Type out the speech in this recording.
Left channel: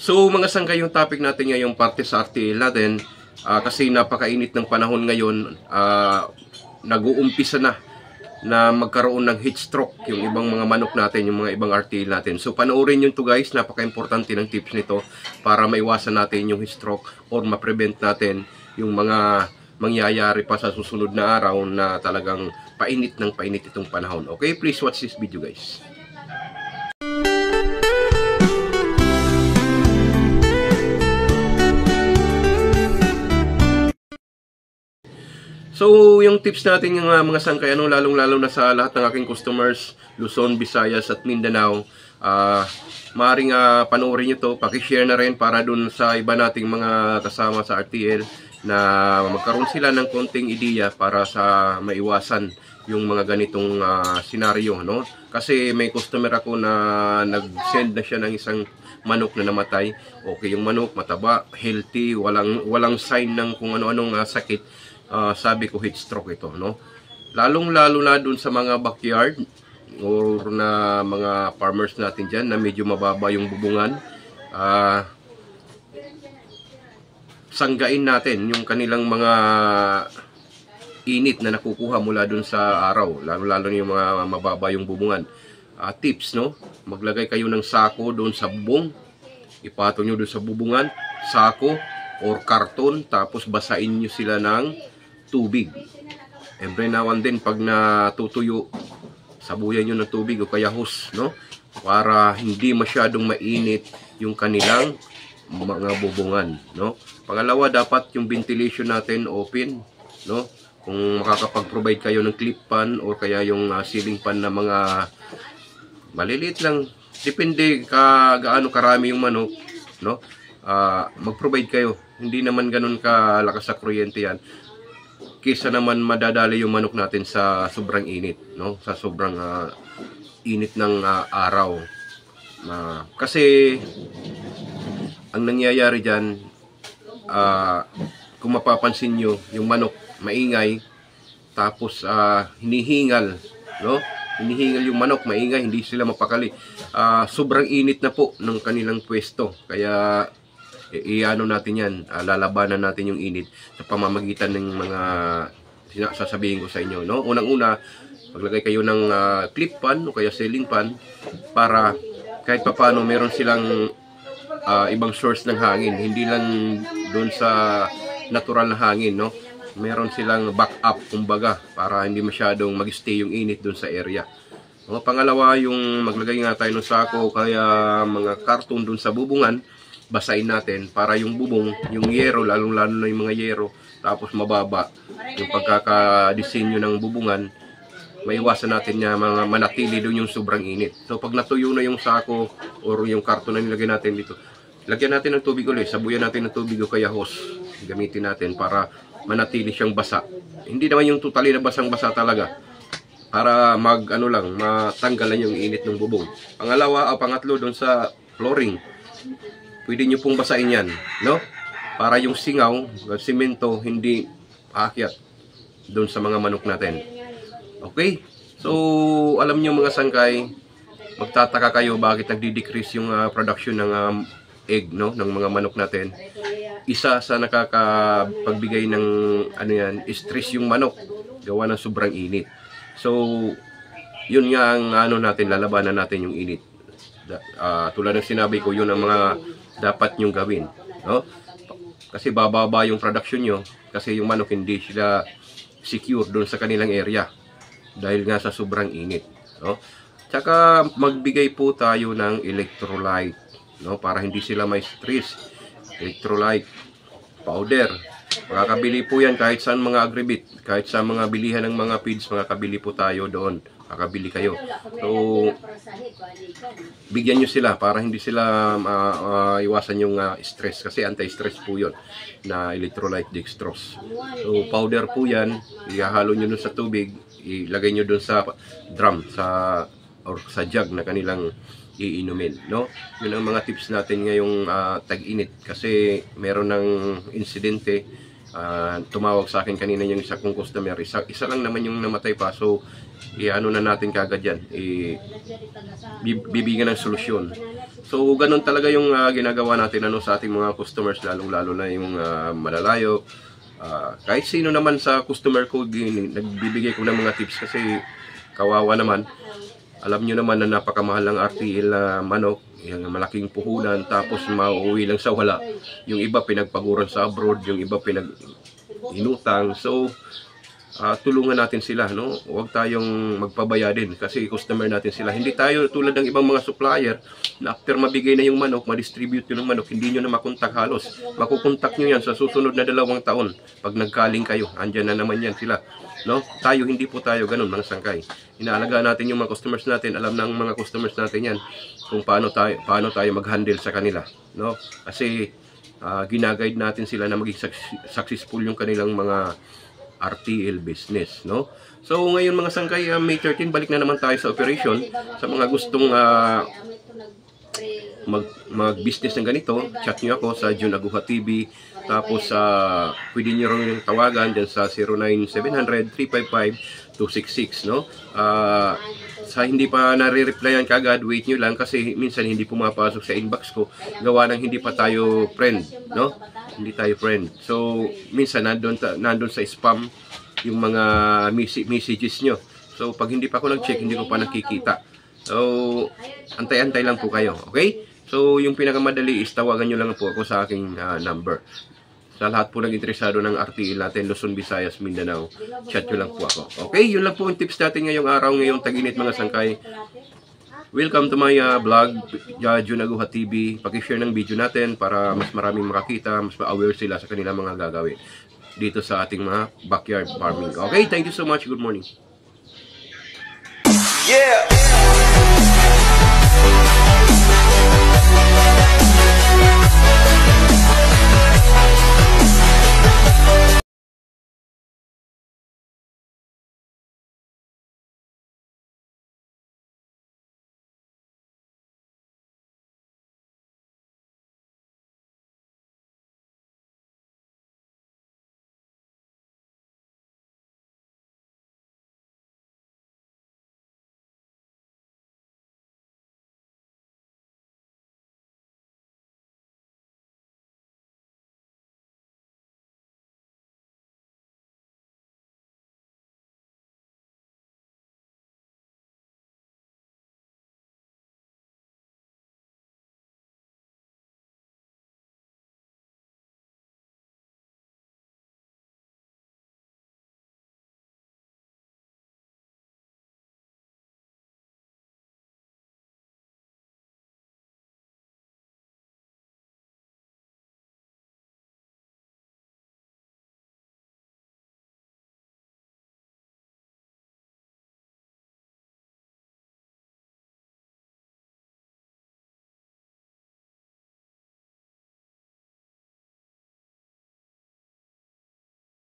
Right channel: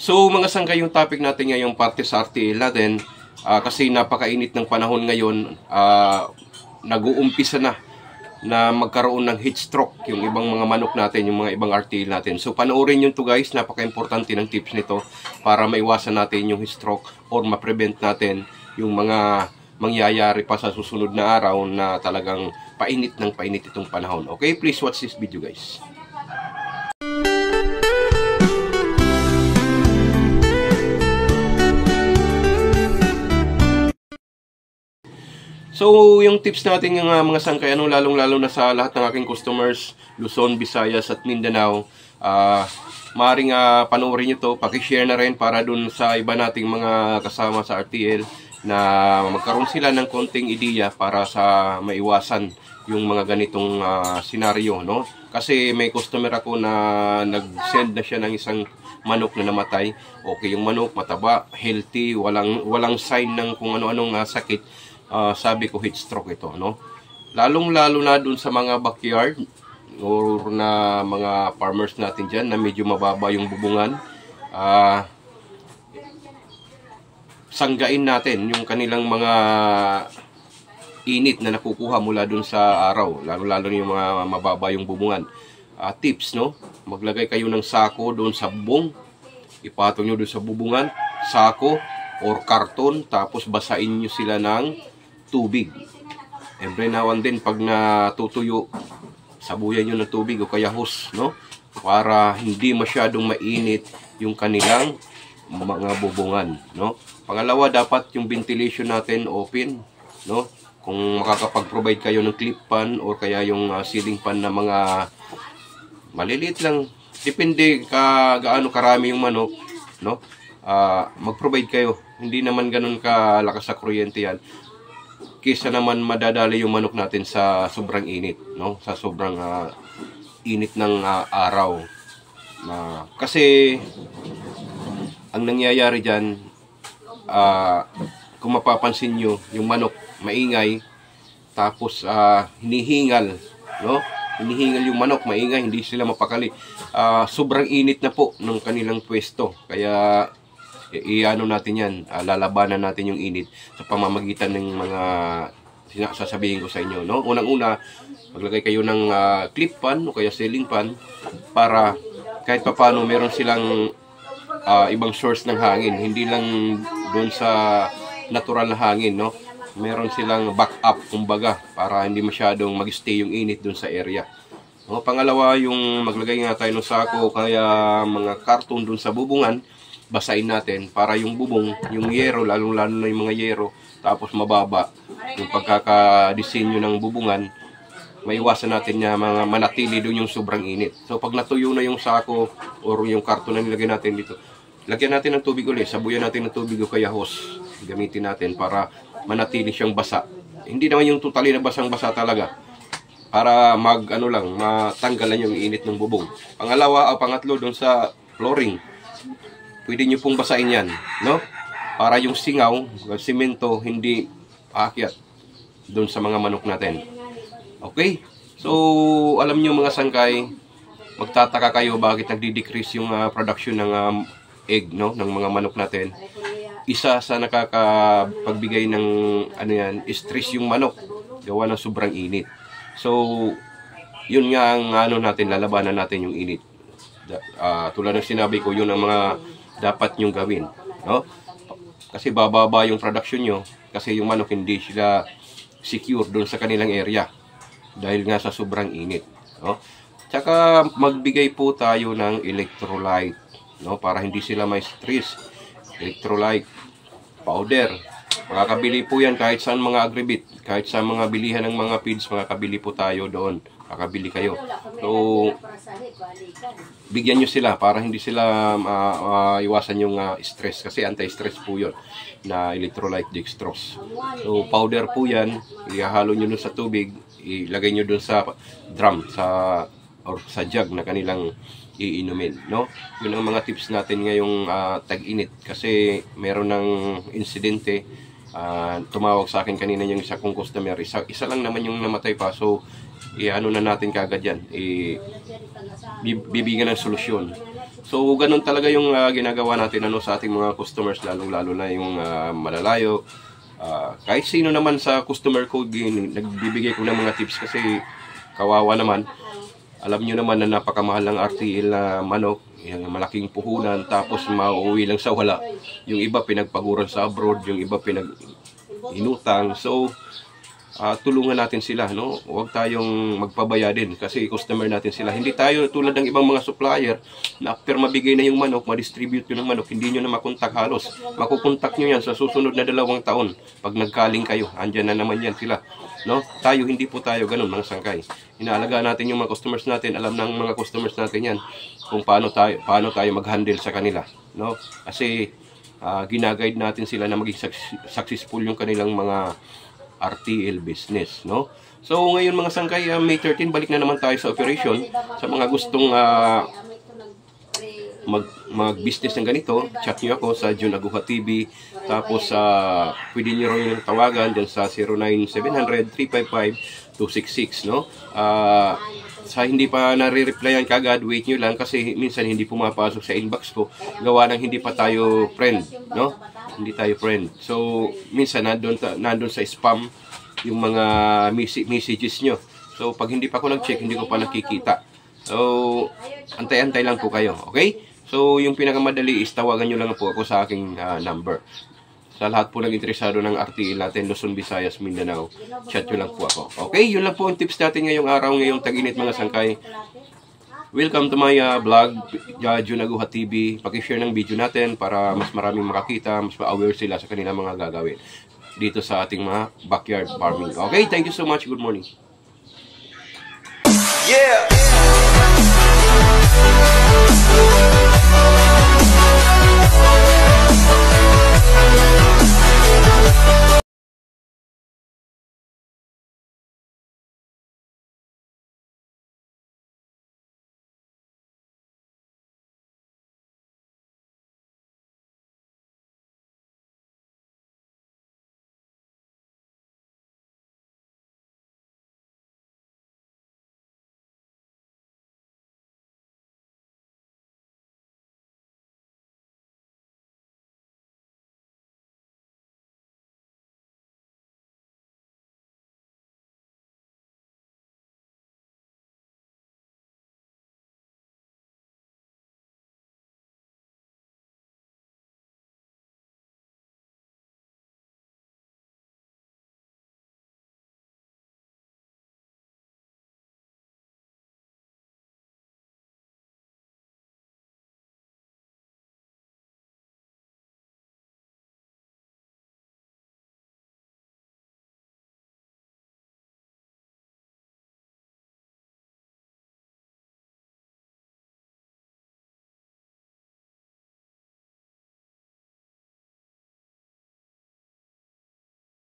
So mga sangkay, yung topic natin ngayong parte sa RTL natin, kasi napakainit ng panahon ngayon, nag-uumpisa na magkaroon ng heat stroke yung ibang mga manok natin, yung mga ibang RTL natin. So panoorin nyo to guys, napaka-importante ng tips nito para maiwasan natin yung heat stroke or ma-prevent natin yung mga mangyayari pa sa susunod na araw na talagang painit ng painit itong panahon. Okay, please watch this video guys. So, yung tips natin yung mga sangkay, lalong-lalo na sa lahat ng aking customers, Luzon, Visayas at Mindanao, maaaring panoorin nyo to, pakishare na rin para dun sa iba nating mga kasama sa RTL na magkaroon sila ng konting ideya para sa maiwasan yung mga ganitong senaryo, no? Kasi may customer ako na nag-send na siya ng isang manok na namatay. Okay, yung manok mataba, healthy, walang sign ng kung ano-anong sakit. Sabi ko heat stroke ito, no? Lalong-lalo na dun sa mga backyard or na mga farmers natin dyan na medyo mababa yung bubungan. Sanggain natin yung kanilang mga init na nakukuha mula dun sa araw, lalo-lalo yung mga mababa yung bubungan. Tips, no? Maglagay kayo ng sako doon sa bubong, ipatong nyo doon sa bubungan, sako or karton, tapos basain nyo sila ng tubig. Every now and then, pag natutuyo, sabuyan nyo ng tubig o kaya hose, no? Para hindi masyadong mainit yung kanilang mga bubungan, no? Pangalawa, dapat yung ventilation natin open, no? Kung makakapag-provide kayo ng clip fan or kaya yung ceiling fan na mga maliliit lang, depende gaano karami yung manok, no? Mag-provide kayo. Hindi naman ganun kalakas sa kuryente yan. Kesa naman madadali yung manok natin sa sobrang init, no? Sa sobrang init ng araw. Kasi ang nangyayari diyan, kung mapapansin nyo, yung manok maingay, tapos hinihingal, no? Hinihingal yung manok, maingay, hindi sila mapakali. Sobrang init na po ng kanilang pwesto. Kaya iano natin yan, lalabanan natin yung init sa pamamagitan ng mga sasabihin ko sa inyo, no? Unang-una, maglagay kayo ng clip fan o kaya ceiling fan para kahit papaano meron silang ibang source ng hangin, hindi lang doon sa natural na hangin, no? Meron silang backup, kumbaga, para hindi masyadong mag-stay yung init doon sa area. Pangalawa, yung maglagay nga tayo ng sako o kaya mga karton doon sa bubungan, basahin natin para yung bubong, yung yero, lalong-lalo na yung mga yero, tapos mababa yung pagkakadisenyo ng bubungan, maiwasan natin niya mga manatili doon yung sobrang init. So pag natuyo na yung sako or yung karton na nilagay natin dito, lagyan natin ng tubig ulit, sabuyan natin ng tubig o kaya hose, gamitin natin para manatili siyang basa. Hindi naman yung totally na basang-basa talaga, para matanggalan yung init ng bubong. Pangatlo doon sa flooring, pwede nyo pong basahin yan, no? Para yung singaw, simento, hindi aakyat doon sa mga manok natin. Okay? So, alam nyo mga sangkay, magtataka kayo bakit nagdi-decrease yung production ng egg, no? Ng mga manok natin. Isa sa nakakapagbigay ng stress yung manok, gawa ng sobrang init. So, yun nga ang natin, lalabanan natin yung init. Tulad ng sinabi ko, yun ang mga dapat nyong gawin, no? Kasi bababa yung production nyo kasi yung manok hindi sila secure doon sa kanilang area dahil nga sa sobrang init, no? Tsaka magbigay po tayo ng electrolyte, no? Para hindi sila may stress. Electrolyte powder, makakabili po yan kahit saan mga agribit, kahit sa mga bilihan ng mga feeds, makakabili po tayo doon, makakabili kayo. So bigyan nyo sila para hindi sila iwasan yung stress, kasi anti-stress po yun na electrolyte dextrose. So powder po yan, ihahalo nyo dun sa tubig, ilagay nyo dun sa drum or sa jug na kanilang iinumin, no? Yun ang mga tips natin ngayong tag-init, kasi meron ng insidente. Tumawag sa akin kanina yung isa kong customer, isa lang naman yung namatay pa. So ano na natin kagad yan, bibigyan ng solusyon. So ganun talaga yung ginagawa natin sa ating mga customers, lalong-lalo na yung malalayo. Kahit sino naman sa customer ko, nagbibigay ko ng mga tips kasi kawawa naman. Alam nyo naman na napakamahal ng RTL na manok, yung malaking puhunan, tapos mauwi lang sa wala. Yung iba pinagpaguran sa abroad, yung iba inutang. So tulungan natin sila, no? Huwag tayong magpabaya din kasi customer natin sila. Hindi tayo tulad ng ibang mga supplier na after mabigay na yung manok, ma-distribute yun ng manok, hindi nyo na makontak halos. Makukontak nyo yan sa susunod na 2 taon. Pag nagkaling kayo, andyan na naman yan sila. No? Tayo, hindi po tayo ganun, mga sangkay. Inaalagaan natin yung mga customers natin. Alam ng mga customers natin yan kung paano tayo mag-handle sa kanila. No? Kasi ginaguide natin sila na maging successful yung kanilang mga RTL business, no? So ngayon mga sangkay, May 13, balik na naman tayo sa operation. Sa mga gustong mag-business ng ganito, chat nyo ako sa Jun Aguha TV. Tapos pwede nyo rin tawagan dyan sa 09-700-355-266, no? Sa hindi pa nare-replyan kagad, wait nyo lang kasi minsan hindi pumapasok sa inbox ko. Gawa ng hindi pa tayo friend, no? Hindi tayo friend. So, minsan nandun sa spam yung mga messages nyo. So, pag hindi pa ako nag-check, hindi ko pa nakikita. So, antay-antay lang po kayo. Okay? So, yung pinakamadali is tawagan nyo lang po ako sa aking number. Sa lahat po ng interesado ng RTL natin, Luzon, Visayas, Mindanao, chat nyo lang po ako. Okay? Yun lang po ang tips natin ngayong araw, ngayong tag-init mga sangkay. Welcome to my vlog, Jun Aguha TV. Paki-share ng video natin para mas maraming makakita, mas ma-aware sila sa kanilang mga gagawin dito sa ating mga backyard farming. Okay, thank you so much. Good morning. Yeah.